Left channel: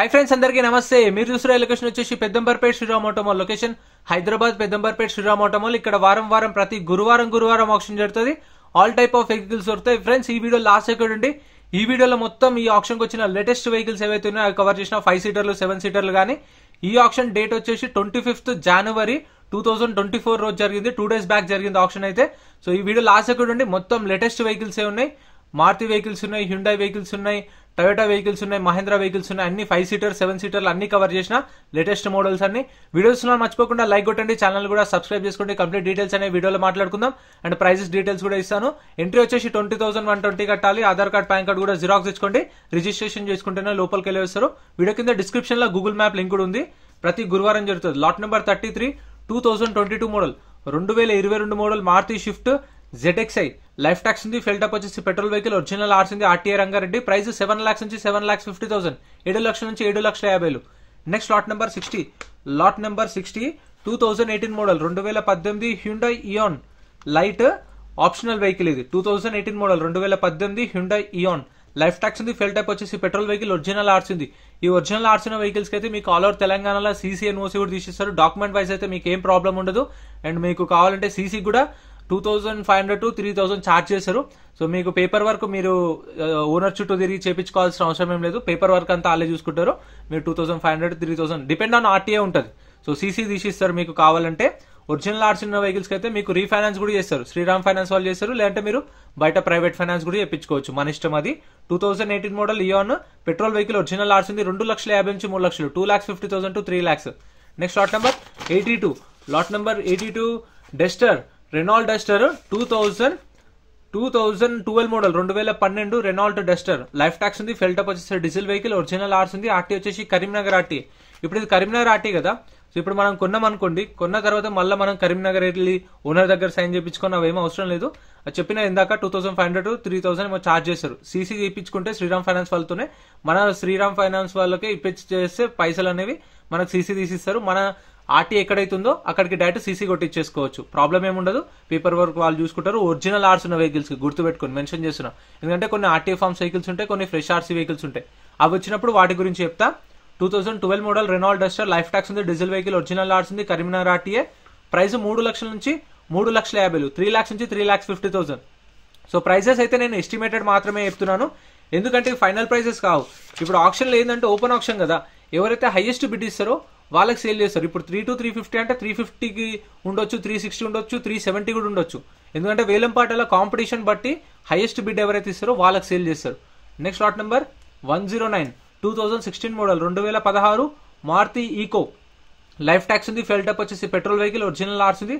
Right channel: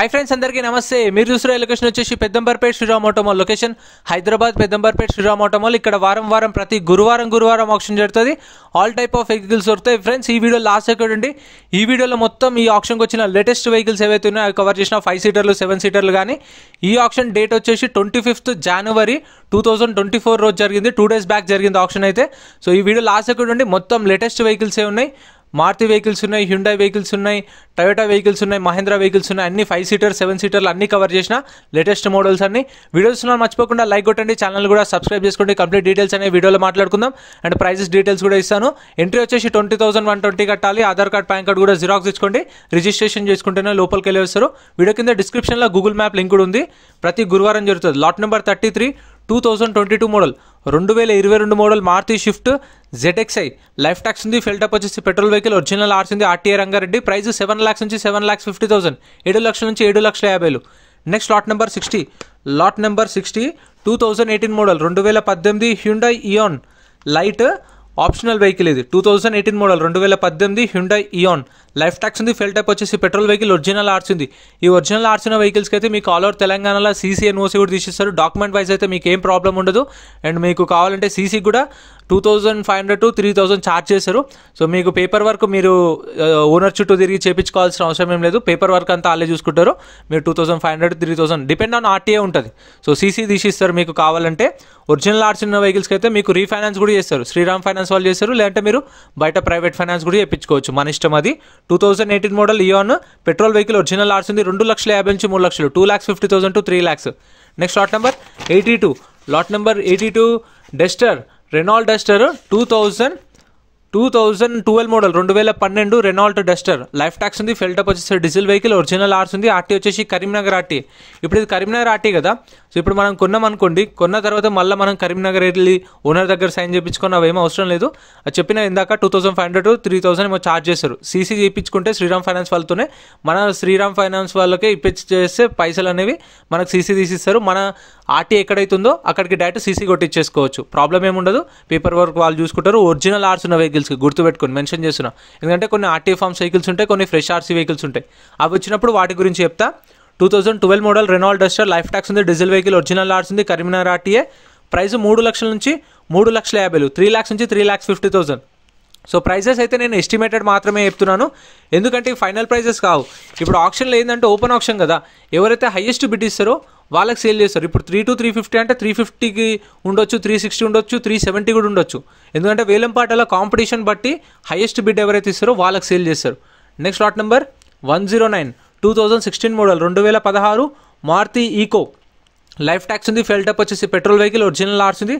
Hi friends अंदरिकी नमस्ते మీరు చూస్తున్న లొకేషన్ వచ్చేసి Peddamberpet Shriram auto mall location Hyderabad Peddamberpet Shriram auto mall ఇక్కడ వారం ప్రతి గురువారం ఆక్షన్ జరుగుతది ఆల్ టైప్ ఆఫ్ వెహికల్స్ దొరుకుతాయి ఫ్రెండ్స్ ఈ వీడియో లాస్ట్ సెకండ్ ఉండి ఈ వీడియోలో మొత్తం ఈ ఆక్షన్ కి వచ్చిన లేటెస్ట్ వెహికల్స్ ఏవైతే ఉన్నాయో కవర్ చేసిన 5 సీటర్లు 7 సీటర్లు గాని ఈ ఆక్షన్ డేట్ వచ్చేసి 25th జనవరి 2024 రోజు జరిగింది 2 డేస్ బ్యాక్ జరిగింది ఆక్షన్ అయితే సో ఈ వీడియో లాస్ట్ సెకండ్ ఉండి మొత్తం లేటెస్ట్ వెహికల్స్ ఏ ఉన్నాయి మారుతి వెహికల్స్ ఉన్నాయి హ్యుండై వెహికల్స్ ఉన్నాయి టొయోటా వెహికల్స్ ఉన్నాయి మహేంద్ర వెహికల్స్ ఉన్నాయి అన్ని 5 సీటర్ 7 సీటర్లు అన్ని కవర్ చేసిన లేటెస్ట్ మోడల్స్ అన్ని వీడియోస్ మర్చిపోకుండా లైక్ కొట్టండి ఛానల్ కూడా సబ్స్క్రైబ్ చేసుకోండి కంప్లీట్ డీటెయిల్స్ అనే వీడియోలో మాట్లాడుకుందాం అండ్ ప్రైసెస్ డీటెయిల్స్ కూడా ఇస్తాను ఎంట్రీ వచ్చేసి 20,120 కట్టాలి ఆధార్ కార్డ్ పాన్ కార్డ్ కూడా జిరాక్స్ ఇచ్చుకోండి రిజిస్ట్రేషన్ చేసుకుంటేనే లోపలికి వెళ్ళి వస్తారు వీడియో కింద డిస్క్రిప్షన్లో గూగుల్ మ్యాప్ లింక్ కూడా ఉంది ప్రతి గురువారం జరుగుతుంది lot number 33 2022 model 2022 model Maruti Swift ZXi life tax ఉంది ఫిల్ టప్ వచ్చేసి పెట్రోల్ వెహికల్ ఒరిజినల్ ఆర్స్ ఉంది ఆర్టీఏ రంగారెడ్డి ప్రైస్ 7 lakhs నుంచి 7,50,000 7 లక్షల నుంచి 7,50,000 next lot number 60 2018 model 2018 Hyundai Eon lite optional vehicle ఇది 2018 model 2018 Hyundai Eon life tax ఉంది fuel type వచ్చేసి petrol vehicle original RC ఉంది ఈ ఒరిజినల్ ఆర్స్ ఉన్న వెహికల్స్కి అయితే మీకు ఆల్ ఓవర్ తెలంగాణలో సీసీ ఎన్ఓసీ కూడా తీసిస్తారు డాక్యుమెంట్ వైజ్ అయితే మీకు ఏం ప్రాబ్లం ఉండదు అండ్ మీకు కావాలంటే సీసీ కూడా 2,500 to 3,000 ఛార్జ్ చేశారు సో మీకు పేపర్ వర్క్ మీరు ఓనర్ చుట్టూ తిరిగి చేయించుకోవాల్సిన అవసరం ఏం లేదు పేపర్ వర్క్ అంతా వాళ్ళే చూసుకుంటారు మీరు 2,500 to 3,000 డిపెండ్ ఆన్ ఆర్టీఏ ఉంటుంది సో సీసీ తీసిస్తారు మీకు కావాలంటే ఒరిజినల్ ఆర్ట్స్ ఉన్న వెహికల్స్కి అయితే మీకు రీఫైనాన్స్ కూడా చేస్తారు శ్రీరామ్ ఫైనాన్స్ వాళ్ళు చేస్తారు లేదంటే మీరు బయట ప్రైవేట్ ఫైనాన్స్ కూడా చేయించుకోవచ్చు మన ఇష్టం అది 2018 model Eon petrol vehicle original RC ఉంది 2,50,000 నుంచి 3 లక్షలు 2,50,000 to 3 lakhs next lot number 82 Duster Renault Duster 2012 model 2012 Renault Duster life tax ఉంది ఫెల్ టప్ వచ్చేసి డీజిల్ వెహికల్ ఒరిజినల్ ఆర్స్ ఉంది ఆర్టీ వచ్చేసి కరీంనగర్ ఆర్టీ ఇప్పుడు ఇది కరీంనగర్ ఆర్టీ కదా సో ఇప్పుడు మనం కొన్నాం అనుకోండి కొన్న తర్వాత మళ్ళీ మనం కరీంనగర్ వెళ్ళి ఓనర్ దగ్గర సైన్ చేయించుకొని అవేమీ అవసరం లేదు అది చెప్పిన ఇందాక 2,500 to 3,000 ఏమో ఛార్జ్ చేస్తారు సీసీ చేయించుకుంటే శ్రీరామ్ ఫైనాన్స్ వాళ్ళతోనే మన శ్రీరామ్ ఫైనాన్స్ వాళ్ళకే ఇప్పించేస్తే పైసలు అనేవి మనకు సీసీ తీసిస్తారు మన ఆర్టీ ఎక్కడైతుందో అక్కడికి డైరెక్ట్ సీసీ కొట్టించేసుకోవచ్చు ప్రాబ్లం ఏముండదు పేపర్ వర్క్ వాళ్ళు చూసుకుంటారు ఒరిజినల్ ఆర్స్ ఉన్న వెహికల్స్కి గుర్తుపెట్టుకొని మెన్షన్ చేస్తున్నా ఎందుకంటే కొన్ని ఆర్టీఏ ఫార్మ్స్ వెహికల్స్ ఉంటాయి కొన్ని ఫ్రెష్ ఆర్సీ వెహికల్స్ ఉంటాయి అవి వచ్చినప్పుడు వాటి గురించి చెప్తా 2012 model Renault Duster life tax ఉంది డీజిల్ వెహికల్ ఒరిజినల్ ఆర్స్ ఉంది కరీంనగర్ ఆర్టీఏ ప్రైస్ 3 లక్షల నుంచి 3,50,000 3 lakhs నుంచి 3,50,000 సో ప్రైజెస్ అయితే నేను ఎస్టిమేటెడ్ మాత్రమే చెప్తున్నాను ఎందుకంటే ఫైనల్ ప్రైజెస్ కావు ఇప్పుడు ఆప్షన్లో ఏంటంటే ఓపెన్ ఆప్షన్ కదా ఎవరైతే హైయెస్ట్ బిడ్ ఇస్తారో వాళ్ళకి సేల్ చేస్తారు ఇప్పుడు 3 to 350 అంటే 350కి ఉండొచ్చు 360 ఉండొచ్చు 370 కూడా ఉండొచ్చు ఎందుకంటే వేలంపాటల కాంపిటీషన్ బట్టి హైయెస్ట్ బిడ్ ఎవరైతే ఇస్తారో వాళ్ళకి సేల్ చేస్తారు next lot number 109 2016 model 2016 Maruti Eeco life tax ఉంది ఫెల్ టప్ వచ్చేసి పెట్రోల్ వెహికల్ ఒరిజినల్ ఆర్స్ ఉంది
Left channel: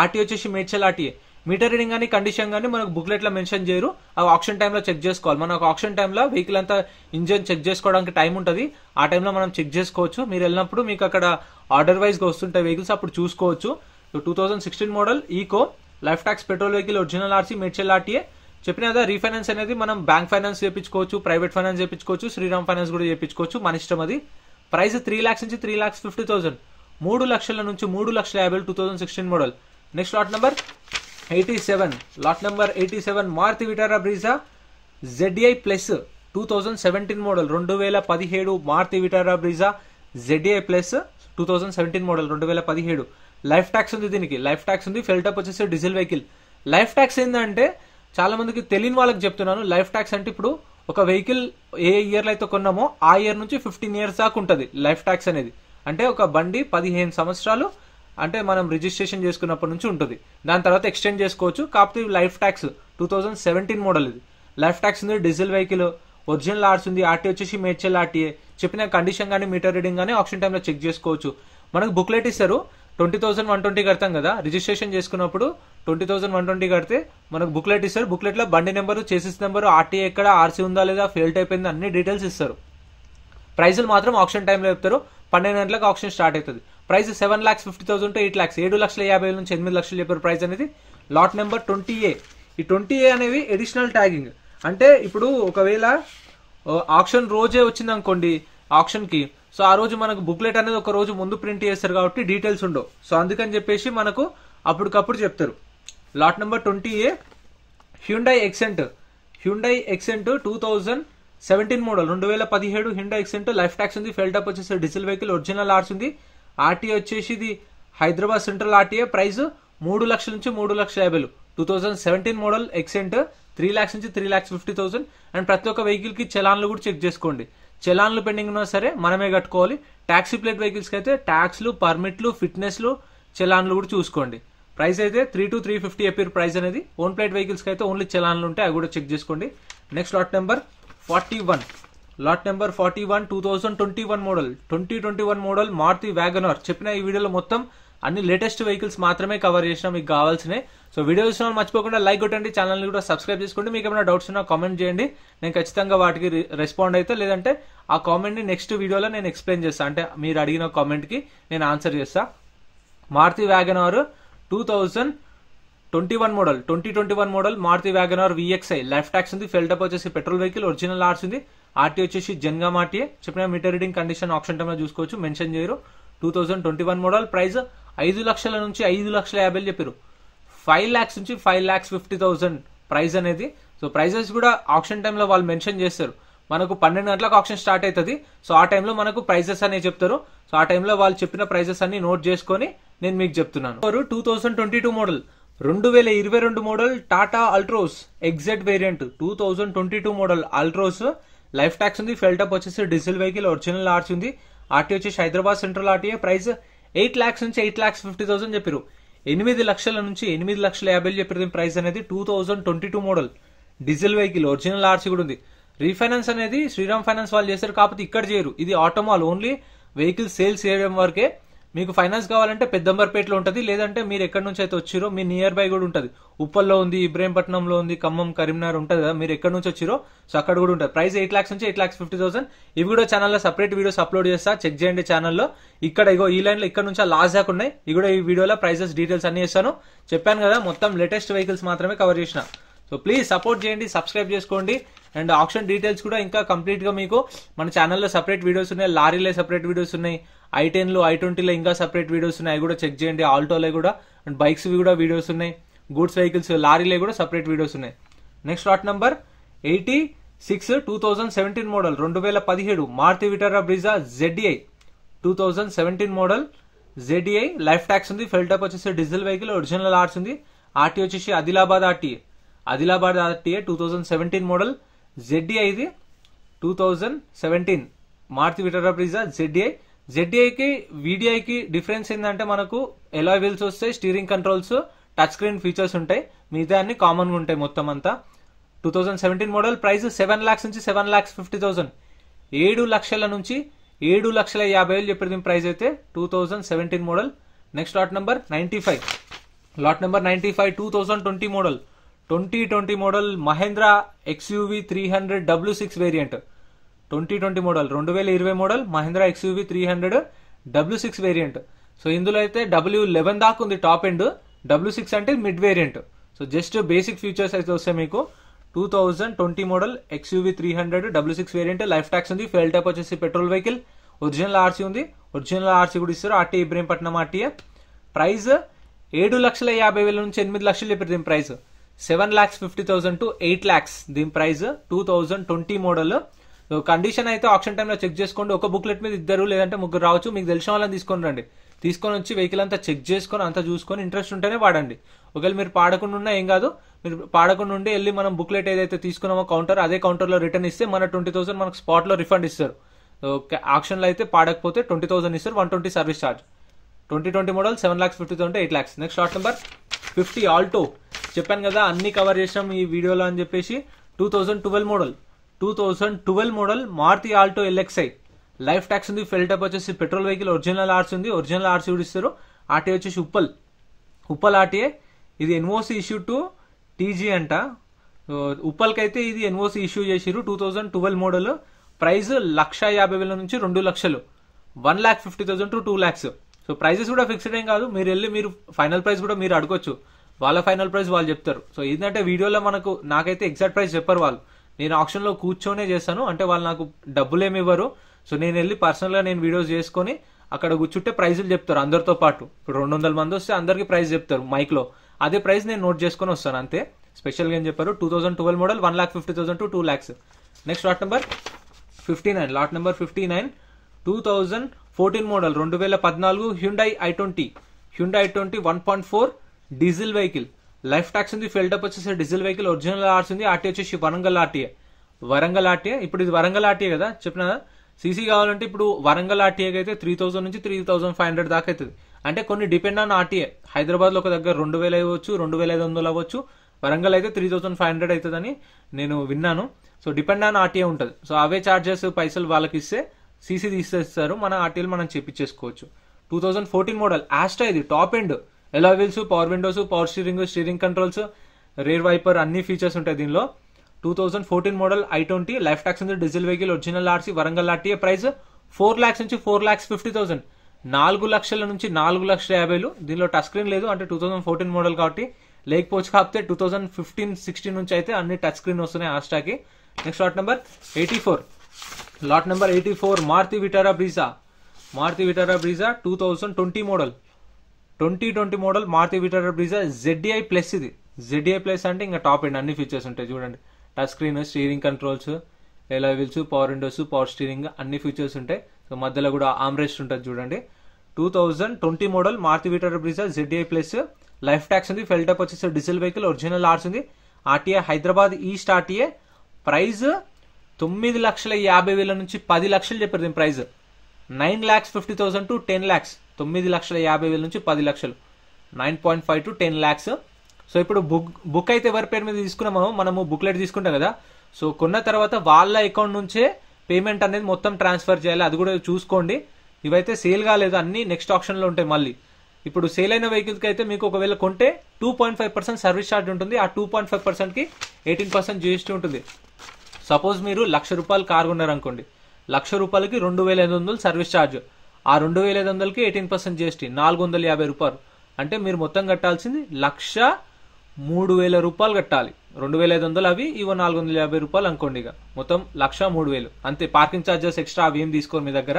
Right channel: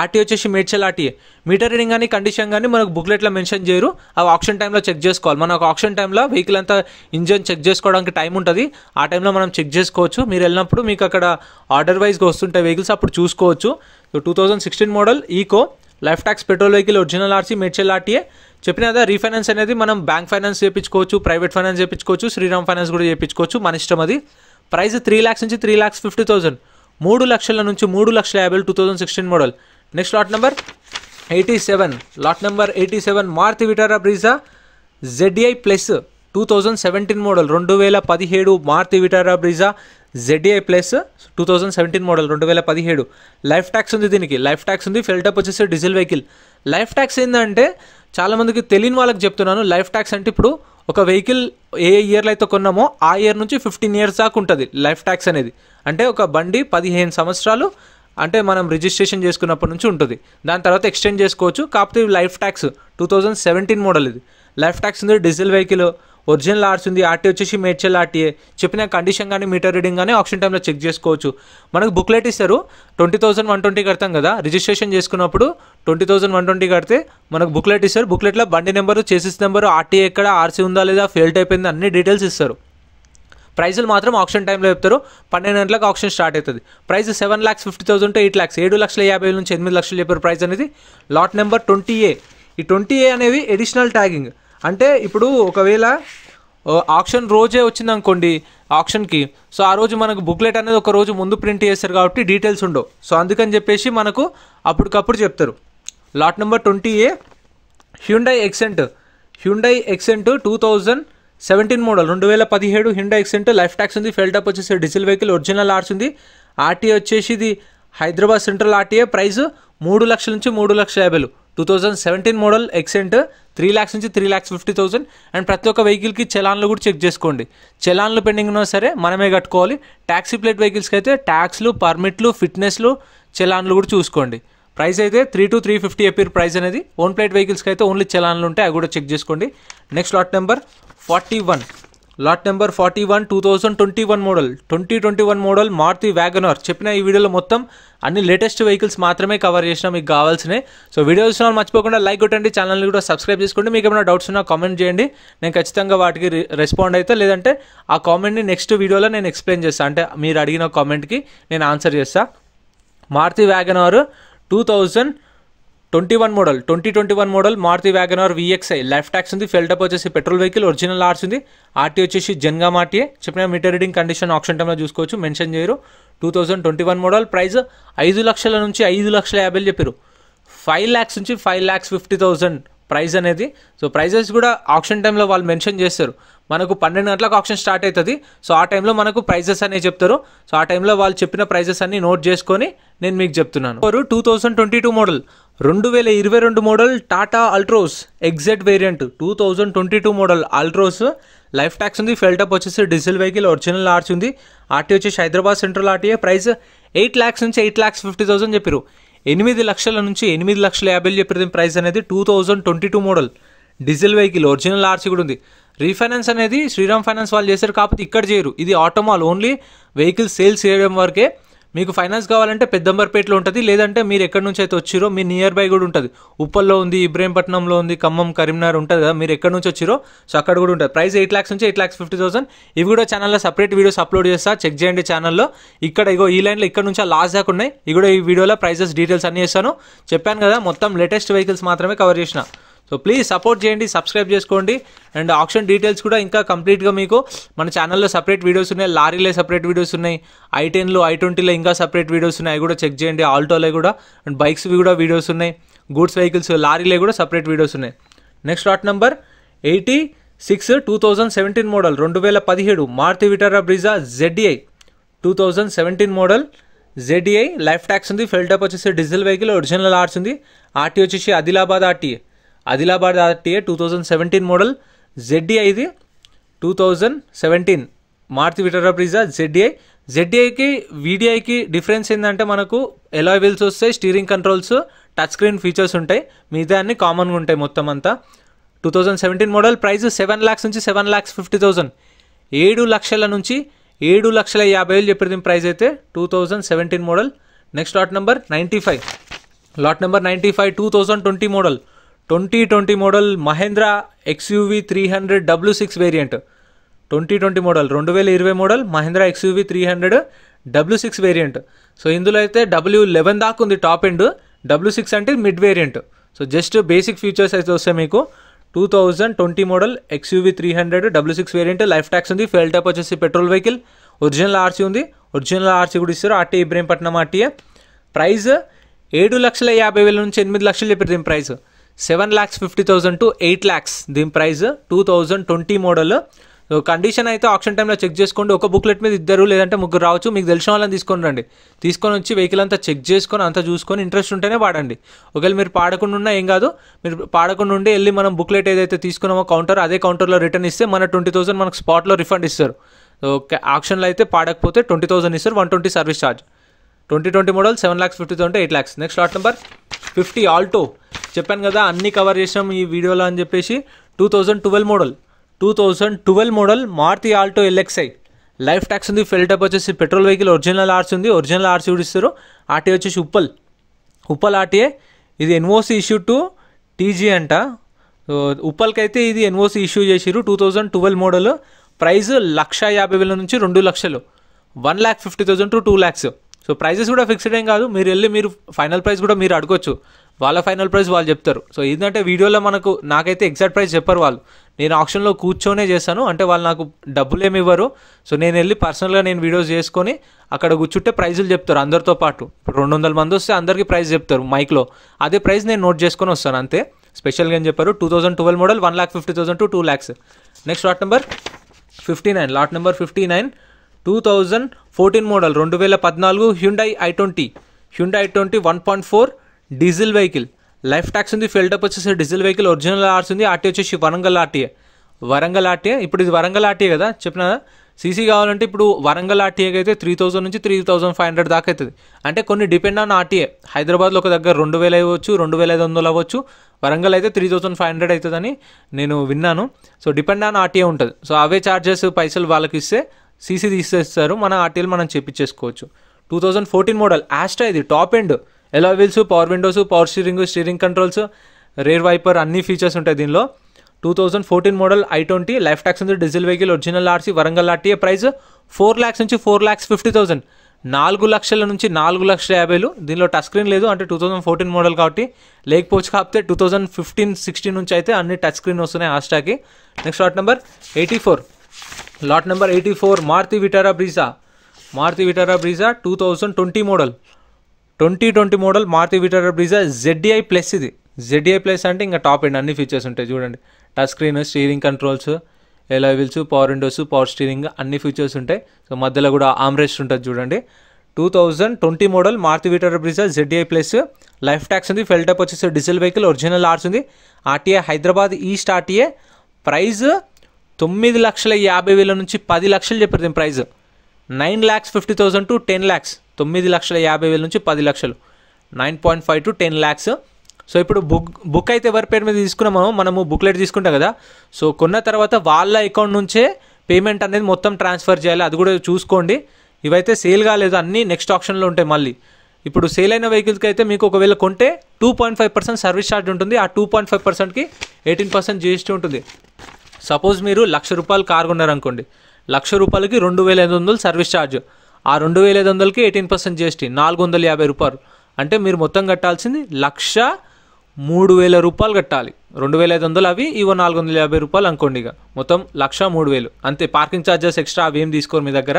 ఆర్టీ వచ్చేసి మేడ్చల్ ఆర్టీఏ మీటర్ రీడింగ్ కానీ కండిషన్ కానీ మనకు బుక్లెట్లో మెన్షన్ చేయరు అవి ఆప్షన్ టైంలో చెక్ చేసుకోవాలి మనకు ఆప్షన్ టైంలో వెహికల్ అంతా ఇంజన్ చెక్ చేసుకోవడానికి టైం ఉంటుంది ఆ టైంలో మనం చెక్ చేసుకోవచ్చు మీరు వెళ్ళినప్పుడు మీకు అక్కడ ఆర్డర్ వైజ్గా వస్తుంటాయి వెహికల్స్ అప్పుడు చూసుకోవచ్చు so 2016 model Eeco life tax petrol vehicle original RC Medchal RTA చెప్పిన కదా రీఫైనాన్స్ అనేది మనం బ్యాంక్ ఫైనాన్స్ చేయించుకోవచ్చు ప్రైవేట్ ఫైనాన్స్ చేయించుకోవచ్చు శ్రీరామ్ ఫైనాన్స్ కూడా చేయించుకోవచ్చు మన ఇష్టం అది ప్రైస్ 3 lakhs నుంచి 3,50,000 3 లక్షల నుంచి 3,50,000 2016 model next lot number 87 Maruti Vitara Brezza ZDI plus 2017 model 2017 Maruti Vitara Brezza ZDI plus 2017 model 2017 life tax ఉంది దీనికి లైఫ్ ట్యాక్స్ ఉంది ఫెల్ టప్ వచ్చేసి డీజిల్ వెహికల్ లైఫ్ ట్యాక్స్ ఏంటంటే చాలా మందికి తెలియని వాళ్ళకి చెప్తున్నాను లైఫ్ ట్యాక్స్ అంటే ఇప్పుడు ఒక వెహికల్ ఏ ఇయర్లో అయితే కొన్నామో ఆ ఇయర్ నుంచి 15 years దాకా ఉంటుంది లైఫ్ ట్యాక్స్ అనేది అంటే ఒక బండి 15 సంవత్సరాలు అంటే మనం రిజిస్ట్రేషన్ చేసుకున్నప్పటి నుంచి ఉంటుంది దాని తర్వాత ఎక్స్టెండ్ చేసుకోవచ్చు కాకపోతే లైఫ్ ట్యాక్స్ 2017 మోడల్ ఇది లైఫ్ ట్యాక్స్ ఉంది డీజిల్ వెహికల్ ఒరిజినల్ ఆర్స్ ఉంది ఆర్టీ వచ్చేసి మేడ్చల్ ఆర్టీఏ చెప్పిన కండిషన్ కానీ మీటర్ రీడింగ్ కానీ ఆప్షన్ టైంలో చెక్ చేసుకోవచ్చు మనకు బుక్లెట్ ఇస్తారు 20,120 కడతాం కదా రిజిస్ట్రేషన్ చేసుకున్నప్పుడు 20,120 కడితే మనకు బుక్లెట్ ఇస్తారు బుక్లెట్లో బండి నెంబరు చేసిస్ నెంబరు ఆర్టీఏ ఎక్కడ ఆర్సీ ఉందా లేదా ఫెయిల్ట్ అయిపోయిందా అన్ని డీటెయిల్స్ ఇస్తారు ప్రైజులు మాత్రం ఆప్షన్ టైంలో చెప్తారు 12 గంటలకు ఆప్షన్ స్టార్ట్ అవుతుంది ప్రైస్ 7,50,000 to 8 lakhs 7,50,000 నుంచి 8 లక్షలు చెప్పారు ప్రైస్ అనేది లాట్ నెంబర్ 20A ఈ 20A అనేవి ఎడిషనల్ ట్యాగింగ్ అంటే ఇప్పుడు ఒకవేళ ఆప్షన్ రోజే వచ్చింది అనుకోండి ఆప్షన్కి సో ఆ రోజు మనకు బుక్లెట్ అనేది ఒక రోజు ముందు ప్రింట్ చేస్తారు కాబట్టి డీటెయిల్స్ ఉండవు సో అందుకని చెప్పేసి మనకు అప్పటికప్పుడు చెప్తారు lot number 20A Hyundai Xcent 2017 17 model 2017 Hyundai Xcent, life tax ఉంది, ఫెల్ టాప్ వచ్చేసి డీజిల్ వెహికల్, ఒరిజినల్ ఆర్స్ ఉంది. ఆర్టీఏ వచ్చేసి ఇది హైదరాబాద్ సెంట్రల్ ఆర్టీఏ, ప్రైస్ 3 లక్షల నుంచి 3,50,000. 2017 మోడల్ ఎక్సెంట్ 3 lakhs నుంచి 3,50,000. అండ్ ప్రతి ఒక్క వెహికల్కి చలాన్లు కూడా చెక్ చేసుకోండి. చలాన్లు పెండింగ్ ఉన్నా సరే మనమే కట్టుకోవాలి. ట్యాక్సీ ప్లేట్ వెహికల్స్కి అయితే ట్యాక్స్లు, పర్మిట్లు, ఫిట్నెస్లు, చలాన్లు కూడా చూసుకోండి. ప్రైస్ అయితే 3 to 350 చెప్పారు ప్రైస్ అనేది. ఓన్ ప్లేట్ వెహికల్స్కి అయితే ఓన్లీ చలాన్లు ఉంటాయి, అవి కూడా చెక్ చేసుకోండి. Next lot number 41. Lot number 41 2021 model 2021 model Maruti WagonR. చెప్పిన ఈ వీడియోలో మొత్తం అన్ని లేటెస్ట్ వెహికల్స్ మాత్రమే కవర్ చేసినా మీకు కావాల్సినవి. సో వీడియో చూసిన మర్చిపోకుండా లైక్ కొట్టండి, ఛానల్ని కూడా సబ్స్క్రైబ్ చేసుకోండి. మీకు ఏమైనా డౌట్స్ ఉన్నా కామెంట్ చేయండి, నేను ఖచ్చితంగా వాటికి రెస్పాండ్ అయితే, లేదంటే ఆ కామెంట్ని నెక్స్ట్ వీడియోలో నేను ఎక్స్ప్లెయిన్ చేస్తాను. అంటే మీరు అడిగిన కామెంట్కి నేను ఆన్సర్ చేస్తాను. Maruti WagonR 2021 model Maruti WagonR VXI, life tax ఉంది, ఫెల్ టాప్ వచ్చేసి పెట్రోల్ వెహికల్, ఒరిజినల్ ఆర్స్ ఉంది. ఆర్టీ వచ్చేసి జన్గామ్ ఆర్టీఏ. చెప్పిన మీటర్ రీడింగ్ కండిషన్ ఆప్షన్ టైంలో చూసుకోవచ్చు, మెన్షన్ చేయరు. 2021 మోడల్, ప్రైస్ 5 లక్షల నుంచి 5,50,000 చెప్పారు. 5 lakhs నుంచి 5,50,000 ప్రైస్ అనేది. సో ప్రైజెస్ కూడా ఆప్షన్ టైంలో వాళ్ళు మెన్షన్ చేస్తారు. మనకు 12 గంటలకు ఆప్షన్ స్టార్ట్ అవుతుంది. సో ఆ టైంలో మనకు ప్రైజెస్ అనేవి చెప్తారు. సో ఆ టైంలో వాళ్ళు చెప్పిన ప్రైజెస్ అన్ని నోట్ చేసుకొని నేను మీకు చెప్తున్నాను. 2022 model 2022 model Tata Altroz exert variant 2022 model Altroz, life tax ఉంది, ఫెల్ టాప్ వచ్చేసి డీజిల్ వెహికల్, ఒరిజినల్ ఆర్స్ ఉంది. ఆర్టీ వచ్చేసి Hyderabad central RTA, price 8 lakhs నుంచి 8,50,000 చెప్పారు. 8 లక్షల నుంచి 8,50,000 చెప్పారు ప్రైస్ అనేది. 2022 model diesel vehicle, original RC కూడా ఉంది. రీఫైనాన్స్ అనేది శ్రీరామ్ ఫైనాన్స్ వాళ్ళు చేశారు, కాకపోతే ఇక్కడ చేయరు. ఇది ఆటోమాల్ ఓన్లీ వెహికల్ సేల్స్ చేయడం వరకే. మీకు ఫైనాన్స్ కావాలంటే పెద్దంబర్పేటలో ఉంటుంది, లేదంటే మీరు ఎక్కడి నుంచి అయితే వచ్చిరో మీ నియర్ బై కూడా ఉంటుంది. ఉప్పల్లో ఉంది, ఇబ్రహీంపట్నంలో ఉంది, ఖమ్మం, కరీంనగర్ ఉంటుంది కదా, మీరు ఎక్కడి నుంచి వచ్చిరో సో అక్కడ కూడా ఉంటుంది. ప్రైస్ 8 lakhs నుంచి 8,50,000. ఇవి కూడా ఛానల్లో సపరేట్ వీడియోస్ అప్లోడ్ చేస్తా, చెక్ చేయండి ఛానల్లో. ఇక్కడ ఇగో ఈ లైన్లో ఇక్కడ నుంచి లాస్ట్ దాకా ఉన్నాయి. ఇవి కూడా ఈ వీడియోలో ప్రైజెస్ డీటెయిల్స్ అన్ని చేస్తాను. చెప్పాను కదా మొత్తం లేటెస్ట్ వెహికల్స్ మాత్రమే కవర్ చేసిన. సో ప్లీజ్ సపోర్ట్ చేయండి, సబ్స్క్రైబ్ చేసుకోండి. అండ్ ఆప్షన్ డీటెయిల్స్ కూడా ఇంకా కంప్లీట్గా మీకు మన ఛానల్లో సపరేట్ వీడియోస్ ఉన్నాయి. లారీలే సపరేట్ వీడియోస్ ఉన్నాయి, i10లో i20లో ఇంకా సపరేట్ వీడియోస్ ఉన్నాయి, అవి కూడా చెక్ చేయండి. ఆల్టోలో కూడా అండ్ బైక్స్వి కూడా వీడియోస్ ఉన్నాయి. గూడ్స్ వెహికల్స్ లారీలే కూడా సపరేట్ వీడియోస్ ఉన్నాయి. Next lot number 86 2017 model 2017 Maruti Vitara Brezza ZDI 2017 model ZDI, life tax ఉంది, ఫెల్ టాప్ వచ్చేసి డీజిల్ వెహికల్, ఒరిజినల్ ఆర్స్ ఉంది. ఆర్టీ వచ్చేసి ఆదిలాబాద్ ఆర్టీఏ 2017 మోడల్ ZDI ఇది 2017 మారుతి విటారా బ్రీజా ZDIకి VDIకి డిఫరెన్స్ ఏంటంటే మనకు ఎలాయ్ వీల్స్ వస్తాయి, steering controls, touch screen features ఉంటాయి, మిగతా అన్ని కామన్గా ఉంటాయి మొత్తం అంతా. 2017 మోడల్, ప్రైస్ 7 lakhs నుంచి 7,50,000. 7 లక్షల నుంచి 7,50,000 చెప్పేది ప్రైస్ అయితే 2017 model. Next lot number 95. Lot number 95 2020 model Mahindra XUV 300 W6 variant. 2020 model 2020 model Mahindra XUV 300 W6 variant. So ఇందులో అయితే W11 దాకా ఉంది టాప్ ఎండ్, W6 అంటే mid variant. So just basic features అయితే వస్తాయి మీకు. 2020 model XUV 300 W6 variant, life tax ఉంది, ఫెల్ top వచ్చేసి పెట్రోల్ వెహికల్, ఒరిజినల్ ఆర్సీ ఉంది, ఒరిజినల్ ఆర్సీ కూడా ఇస్తారు. RT Ibrahimpatnam RTA. ప్రైస్ 7,50,000 నుంచి 8 లక్షలు చెప్పారు దీని ప్రైస్. 7,50,000 to 8 lakhs దీని ప్రైస్ 2020 మోడల్. కండిషన్ అయితే ఆప్షన్ టైంలో చెక్ చేసుకోండి. ఒక బుక్లెట్ మీద 2 లేదంటే 3 రావచ్చు. మీకు తెలిసిన వాళ్ళని తీసుకొని రండి, తీసుకొని వచ్చి వెహికల్ అంతా చెక్ చేసుకొని అంతా చూసుకొని ఇంట్రెస్ట్ ఉంటేనే వాడండి. ఒకవేళ మీరు పాడకుండా ఉన్నా ఏం కాదు, మీరు పాడకుండా ఉండి వెళ్ళి మనం బుక్లెట్ ఏదైతే తీసుకున్నామో కౌంటర్, అదే కౌంటర్లో రిటర్న్ ఇస్తే మన 20,000 మనకు స్పాట్లో రిఫండ్ ఇస్తారు. ఆప్షన్లో అయితే పాడకపోతే 20,000 ఇస్తారు, 120 service charge. 2020 model 7,50,000 to 8 lakhs. Next lot number 50 Alto. చెప్పాను కదా అన్ని కవర్ చేసాం ఈ వీడియోలో అని చెప్పేసి. 2012 model Maruti Alto LXI, life tax ఉంది, ఫెల్ టాప్ వచ్చేసి పెట్రోల్ వెహికల్, ఒరిజినల్ ఆర్సీ ఉంది, ఒరిజినల్ ఆర్సీ కూడా ఇస్తారు. ఆర్టీ వచ్చేసి ఉప్పల్ ఆర్టీఏ. ఇది NOC ఇష్యూ టు TG అంట. ఉప్పల్కి అయితే ఇది NOC ఇష్యూ చేసిరు. 2012 మోడల్, ప్రైస్ 1,50,000 నుంచి 2 లక్షలు, 1,50,000 to 2 lakhs. సో ప్రైజెస్ కూడా ఫిక్స్డ్ ఏం కాదు, మీరు వెళ్ళి మీరు ఫైనల్ ప్రైస్ కూడా మీరు అడగొచ్చు, వాళ్ళ ఫైనల్ ప్రైస్ వాళ్ళు చెప్తారు. సో ఏంటంటే వీడియోలో నాకైతే ఎగ్జాక్ట్ ప్రైస్ చెప్పరు వాళ్ళు, నేను ఆప్షన్లో కూర్చొనే చేశాను, అంటే వాళ్ళు నాకు డబ్బులు ఏమి ఇవ్వరు. సో నేను వెళ్ళి పర్సనల్గా నేను వీడియోస్ చేసుకొని అక్కడ కూర్చుంటే ప్రైజులు చెప్తారు అందరితో పాటు. ఇప్పుడు 200 మంది వస్తే అందరికీ ప్రైస్ చెప్తారు మైక్లో, అదే ప్రైస్ నేను నోట్ చేసుకొని వస్తాను అంతే. స్పెషల్గా ఏం చెప్పారు. 2012 model 1,50,000 to 2 lakhs. Next lot number 59. Lot number 59 2014 model 2014 Hyundai i20 1.4 diesel vehicle. Life tax ఉంది, ఫిల్టప్ వచ్చేసి డీజిల్ వెహికల్, ఒరిజినల్ ఆర్స్ ఉంది. ఆర్టీ వచ్చేసి వరంగల్ ఆర్టీఏ. ఇప్పుడు ఇది వరంగల్ ఆర్టీఏ కదా చెప్పిన. సీసీ కావాలంటే ఇప్పుడు వరంగల్ ఆర్టీఏకి అయితే 3,000 నుంచి 3,500 దాకా అవుతుంది. అంటే కొన్ని డిపెండ్ ఆన్ ఆర్టీఏ. హైదరాబాద్లో ఒక దగ్గర 2,000 అవ్వచ్చు, 2,500 అవ్వచ్చు. వరంగల్ అయితే 3,500 అవుతుందని నేను విన్నాను. సో డిపెండ్ ఆన్ ఆర్టీఏ ఉంటుంది. సో అవే ఛార్జెస్ పైసలు వాళ్ళకి ఇస్తే సీసీ తీసేస్తారు, మన ఆర్టీఏలు మనం చేపించేసుకోవచ్చు. 2014 మోడల్ ఆస్ట్రా, ఇది top end. Alloy wheels, power windows, power steering controls, rear wiper అన్ని ఫీచర్స్ ఉంటాయి దీనిలో. 2014 మోడల్ i20 లైఫ్ ట్యాక్స్ ఉంది, diesel vehicle, original RC, Warangal RTA. Price 4 lakhs నుంచి 4,50,000, 4 లక్షల నుంచి 4,50,000. దీనిలో టచ్ స్క్రీన్ లేదు, అంటే 2014 మోడల్ కాబట్టి లేకపోవచ్చు. కాకపోతే 2015-16 నుంచి అయితే అన్ని టచ్ స్క్రీన్ వస్తున్నాయి ఆస్ట్రాకి. Next lot number 84. Lot number 84 Maruti Vitara Brezza 2020 model 2020 model Maruti Vitara Brezza ZDI plus. ఇది ZDI ప్లస్ అంటే ఇంకా టాప్ ఎండ్, అన్ని ఫీచర్స్ ఉంటాయి చూడండి. Touch screen, steering controls, alloy wheels, power windows, power steering అన్ని ఫీచర్స్ ఉంటాయి. సో మధ్యలో కూడా ఆమ్రెస్ట్ ఉంటుంది చూడండి. 2020 model Maruti Vitara Brezza ZDI plus. Life tax ఉంది, ఫెల్టప్ వచ్చేసి డీజిల్ వెహికల్, ఒరిజినల్ ఆర్స్ ఉంది. RTA Hyderabad east RTA. Price 9,50,000 నుంచి 10 లక్షలు చెప్పారు దీని ప్రైస్. 9,50,000 to 10 lakhs. 9,50,000 నుంచి 10 లక్షలు, 9.5 to 10 lakhs. సో ఇప్పుడు బుక్ అయితే ఎవరి పేరు మీద తీసుకున్నామో, మనము బుక్లెట్ తీసుకుంటాం కదా. సో కొన్న తర్వాత వాళ్ళ అకౌంట్ నుంచే పేమెంట్ అనేది మొత్తం ట్రాన్స్ఫర్ చేయాలి, అది కూడా చూసుకోండి. ఇవైతే సేల్ కాలేదు, అన్నీ నెక్స్ట్ ఆప్షన్లో ఉంటాయి. మళ్ళీ ఇప్పుడు సేల్ అయిన వెహికల్స్కి అయితే మీకు ఒకవేళ కొంటే 2.5% సర్వీస్ ఛార్జ్ ఉంటుంది. ఆ 2.5%కి 18% GST ఉంటుంది. సపోజ్ మీరు ₹1,00,000 కార్ కొన్నారనుకోండి, ₹1,00,000కి 2,500 సర్వీస్ ఛార్జ్. ఆ 2,500కి 18% GST, ₹450. అంటే మీరు మొత్తం కట్టాల్సింది ₹1,03,000 కట్టాలి. 2,500 అవి, ఇవో ₹450 అనుకోండి. ఇక మొత్తం ₹1,03,000 అంతే. పార్కింగ్ ఛార్జెస్ ఎక్స్ట్రా అవి ఏం తీసుకోరు మీ దగ్గర.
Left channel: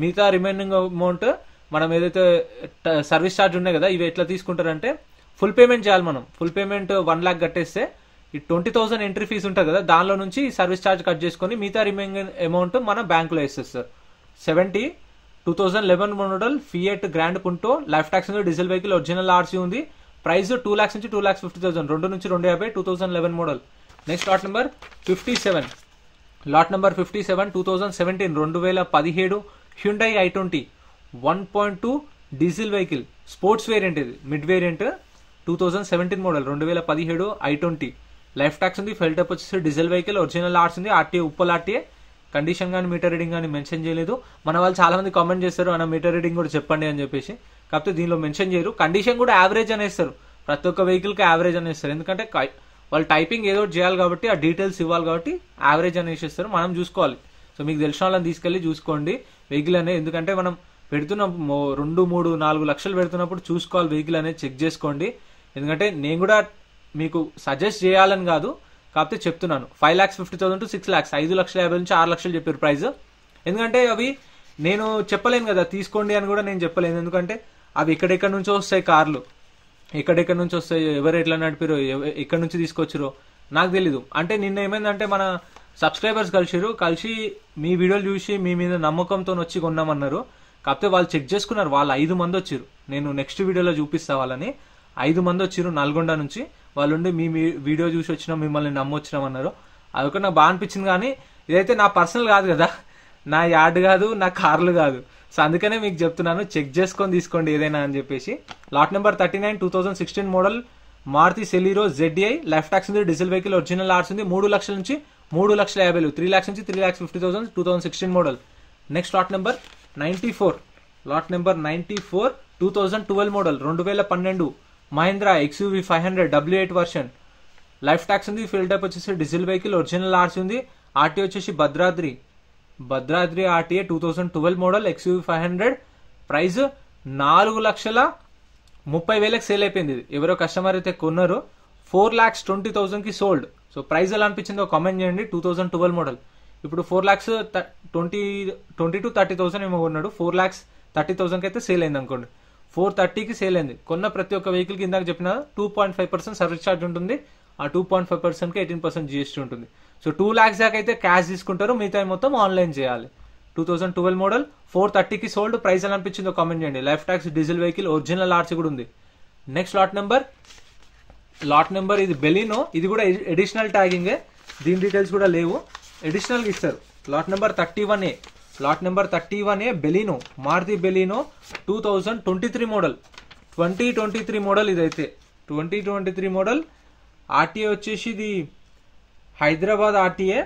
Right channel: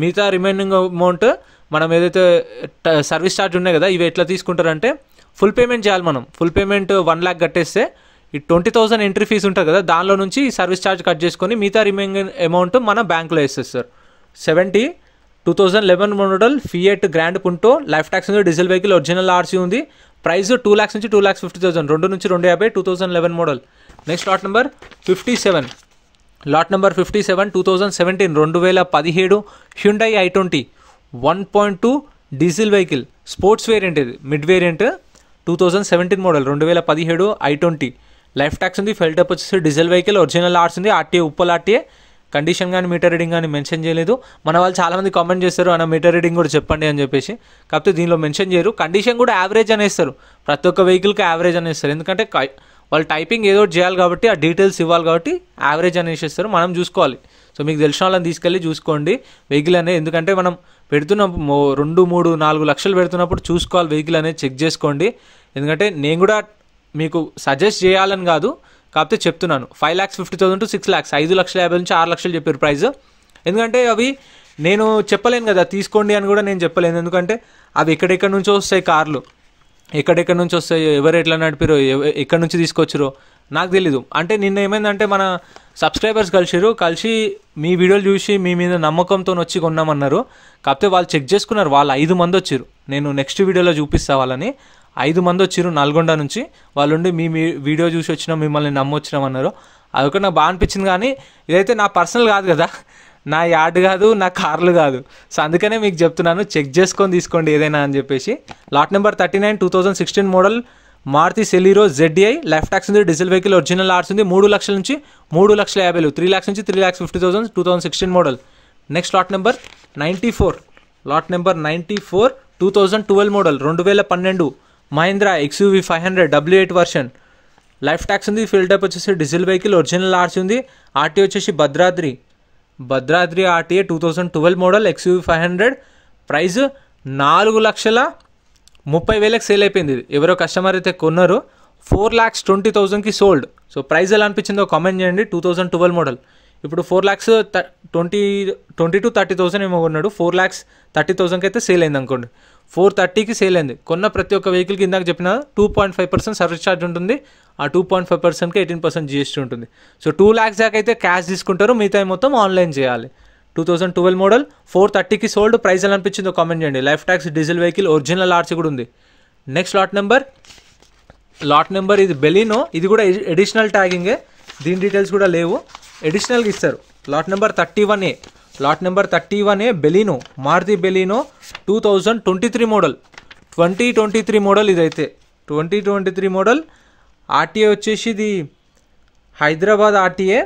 మిగతా రిమైనింగ్ అమౌంట్ మనం ఏదైతే సర్వీస్ ఛార్జ్ ఉన్నాయి కదా, ఇవి ఎట్లా తీసుకుంటారంటే ఫుల్ పేమెంట్ చేయాలి. మనం ఫుల్ పేమెంట్ 1 lakh కట్టేస్తే ఈ 20,000 ఎంట్రీ ఫీజు ఉంటుంది కదా, దానిలో నుంచి సర్వీస్ ఛార్జ్ కట్ చేసుకొని మిగతా రిమైనింగ్ అమౌంట్ మన బ్యాంకులో వేసేస్తారు. 2011 model Fiat Grand Punto life tax ఉంది, డీజిల్ వెహికల్, ఒరిజినల్ ఆర్సీ ఉంది. ప్రైస్ 2 lakhs నుంచి 2,50,000, 2 నుంచి 250. 2011 model. Next lot number 57. Lot number 57 2017 Hyundai i20 1.2 diesel vehicle, sports variant. ఇది mid variant. 2017 model 2017 i20 life tax ఉంది, ఫెల్టప్ వచ్చేసి డీజిల్ వెహికల్, ఒరిజినల్ ఆర్స్ ఉంది. RTA Uppal RTA. Condition కానీ meter reading కానీ మెన్షన్ చేయలేదు. మన వాళ్ళు చాలామంది కామెంట్ చేస్తారు అన్న మీటర్ రీడింగ్ కూడా చెప్పండి అని చెప్పేసి. కాకపోతే దీనిలో మెన్షన్ చేయరు. కండిషన్ కూడా యావరేజ్ అనేస్తారు, ప్రతి ఒక్క వెహికల్కి యావరేజ్ అనేస్తారు. ఎందుకంటే వాళ్ళు టైపింగ్ ఏదో ఒకటి చేయాలి కాబట్టి, ఆ డీటెయిల్స్ ఇవ్వాలి కాబట్టి యావరేజ్ అనేసిస్తారు. మనం చూసుకోవాలి. సో మీకు తెలిసిన వాళ్ళని తీసుకెళ్ళి చూసుకోండి వెహికల్ అనేది. ఎందుకంటే మనం పెడుతున్నప్పుడు 2, 3, 4 లక్షలు పెడుతున్నప్పుడు చూసుకోవాలి, వెహికల్ అనేది చెక్ చేసుకోండి. ఎందుకంటే నేను కూడా మీకు సజెస్ట్ చేయాలని కాదు, కాకపోతే చెప్తున్నాను. 5,50,000 to 6 lakhs, 5,50,000 నుంచి 6 లక్షలు చెప్పారు ప్రైస్. ఎందుకంటే అవి నేను చెప్పలేను కదా తీసుకోండి అని కూడా నేను చెప్పలేను. ఎందుకంటే అవి ఎక్కడెక్కడి నుంచో వస్తాయి కార్లు, ఎక్కడెక్కడి నుంచి వస్తాయి, ఎవరు ఎట్లా నడిపారో, ఎక్కడి నుంచి తీసుకొచ్చారో నాకు తెలీదు. అంటే నిన్న ఏమైందంటే మన సబ్స్క్రైబర్స్ కలిసి మీ వీడియోలు చూసి మీ మీద నమ్మకంతో వచ్చి కొన్నామన్నారు. కాకపోతే వాళ్ళు చెక్ చేసుకున్నారు, వాళ్ళు 5 మంది వచ్చారు. నేను నెక్స్ట్ వీడియోలో చూపిస్తా వాళ్ళని. 5 మంది వచ్చారు నల్గొండ నుంచి. వాళ్ళు ఉండి మీ వీడియో చూసి వచ్చినాం, మిమ్మల్ని నమ్మొచ్చినామన్నారు. అదొక నాకు బాగా అనిపించింది. కానీ ఇదైతే నా పర్సనల్ కాదు కదా, నా యార్డ్ కాదు, నా కార్లు కాదు. సో అందుకనే మీకు చెప్తున్నాను, చెక్ చేసుకొని తీసుకోండి ఏదైనా అని చెప్పేసి. Lot number 39 2016 model Maruti Celerio ZDI life tax ఉంది, డీజిల్ వెహికల్, ఒరిజినల్ ఆర్స్ ఉంది. 3 లక్షల నుంచి 3,50,000, 3 lakhs నుంచి 3,50,000. 2016 model. Next lot number 94. Lot number 94 2012 model 2012 Mahindra XUV 500 W8 version. Life tax ఉంది, ఫిల్టప్ వచ్చేసి డీజిల్ వెహికల్, ఒరిజినల్ ఆర్సీ ఉంది. ఆర్టీ వచ్చేసి Bhadradri RTA. 2012 model XUV 500. Price 4,30,000కి సేల్ అయిపోయింది. ఇది ఎవరో కస్టమర్ అయితే కొన్నారు. 4,20,000కి సోల్డ్. సో ప్రైస్ ఎలా అనిపించిందో కామెంట్ చేయండి. 2012 మోడల్. ఇప్పుడు 4,20,000 to 30,000 ఏమో కొన్నాడు. 4,30,000కి అయితే సేల్ అయింది అనుకోండి. 430కి సేల్ అయింది. కొన్న ప్రతి ఒక్క వెహికల్కి ఇందాక చెప్పిన 2.5% సర్వీస్ ఛార్జ్ ఉంటుంది. ఆ 2.5%కి 18% జిఎస్టీ ఉంటుంది. సో 2 lakhs దాకా అయితే క్యాష్ తీసుకుంటారు, మిగతా మొత్తం ఆన్లైన్ చేయాలి. 2012 మోడల్ 430కి సోల్డ్. ప్రైస్ ఎలా అనిపించిందో కామెంట్ చేయండి. Life tax diesel vehicle, original RC కూడా ఉంది. నెక్స్ట్ లాట్ నెంబర్ ఇది బెలినో. ఇది కూడా ఎడిషనల్ ట్యాగింగే, దీని డీటెయిల్స్ కూడా లేవు, ఎడిషనల్గా ఇస్తారు. Lot number 31A Baleno, Maruti Baleno 2023 model. 2023 model ఇదైతే 2023 మోడల్. ఆర్టీఏ వచ్చేసి ఇది Hyderabad RTA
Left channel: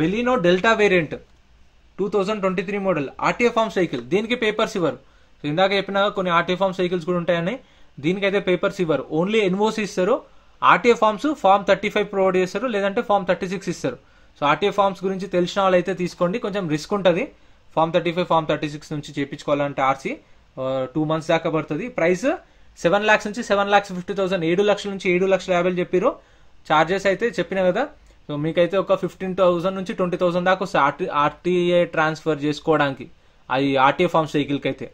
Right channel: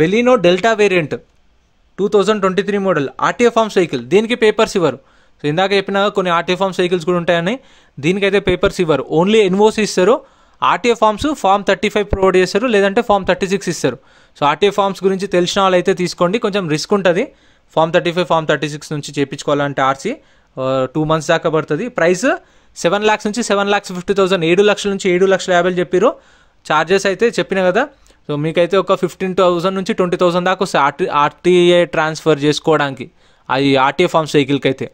Baleno delta variant 2023 model. RTA forms vehicle, దీనికి పేపర్స్ ఇవ్వరు. సో ఇందాక చెప్పిన కొన్ని ఆర్టీఏ ఫార్మ్స్ వెహికల్స్ కూడా ఉంటాయని, దీనికైతే పేపర్స్ ఇవ్వరు, ఓన్లీ ఎన్ఓసి ఇస్తారు. ఆర్టీఏ ఫార్మ్స్ ఫామ్ 35 ప్రొవైడ్ చేస్తారు, లేదంటే ఫామ్ 36 ఇస్తారు. సో ఆర్టీఏ ఫార్మ్స్ గురించి తెలిసిన వాళ్ళు అయితే తీసుకోండి, కొంచెం రిస్క్ ఉంటుంది. ఫామ్ 35 ఫామ్ 36 నుంచి చేయించుకోవాలంటే ఆర్సీ 2 months దాకా పడుతుంది. ప్రైస్ 7 lakhs నుంచి 7,50,000, 7 లక్షల నుంచి 7,50,000 చెప్పారు. ఛార్జెస్ అయితే చెప్పిన కదా. సో మీకైతే ఒక 15,000 నుంచి 20,000 దాకా వస్తాయి ఆర్టీఏ ట్రాన్స్ఫర్ చేసుకోవడానికి, అది ఆర్టీఏ ఫార్మ్స్ వెహికల్కి అయితే.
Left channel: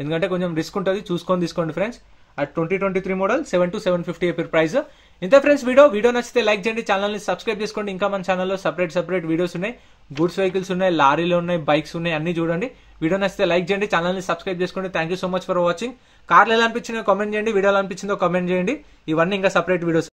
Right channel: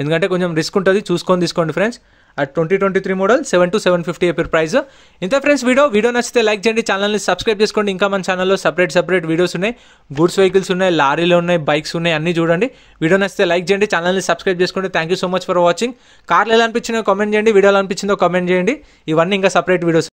ఎందుకంటే కొంచెం రిస్క్ ఉంటుంది, చూసుకొని తీసుకోండి ఫ్రెండ్స్. 2023 మోడల్ 7 to 750 చెప్పారు ప్రైస్. ఇంతే ఫ్రెండ్స్ వీడియో నచ్చితే లైక్ చేయండి, ఛానల్ని సబ్స్క్రైబ్ చేసుకోండి. ఇంకా మన ఛానల్లో సపరేట్ వీడియోస్ ఉన్నాయి, గూడ్స్ వెహికల్స్ ఉన్నాయి, లారీలు ఉన్నాయి, బైక్స్ ఉన్నాయి, అన్నీ చూడండి. వీడియో నచ్చితే లైక్ చేయండి, ఛానల్ని సబ్స్క్రైబ్ చేసుకోండి. Thank you so much for watching. కార్లు ఎలా అనిపించిందో కామెంట్ చేయండి, వీడియోలో అనిపించిందో కామెంట్ చేయండి. ఇవన్నీ ఇంకా సపరేట్ వీడియోస్.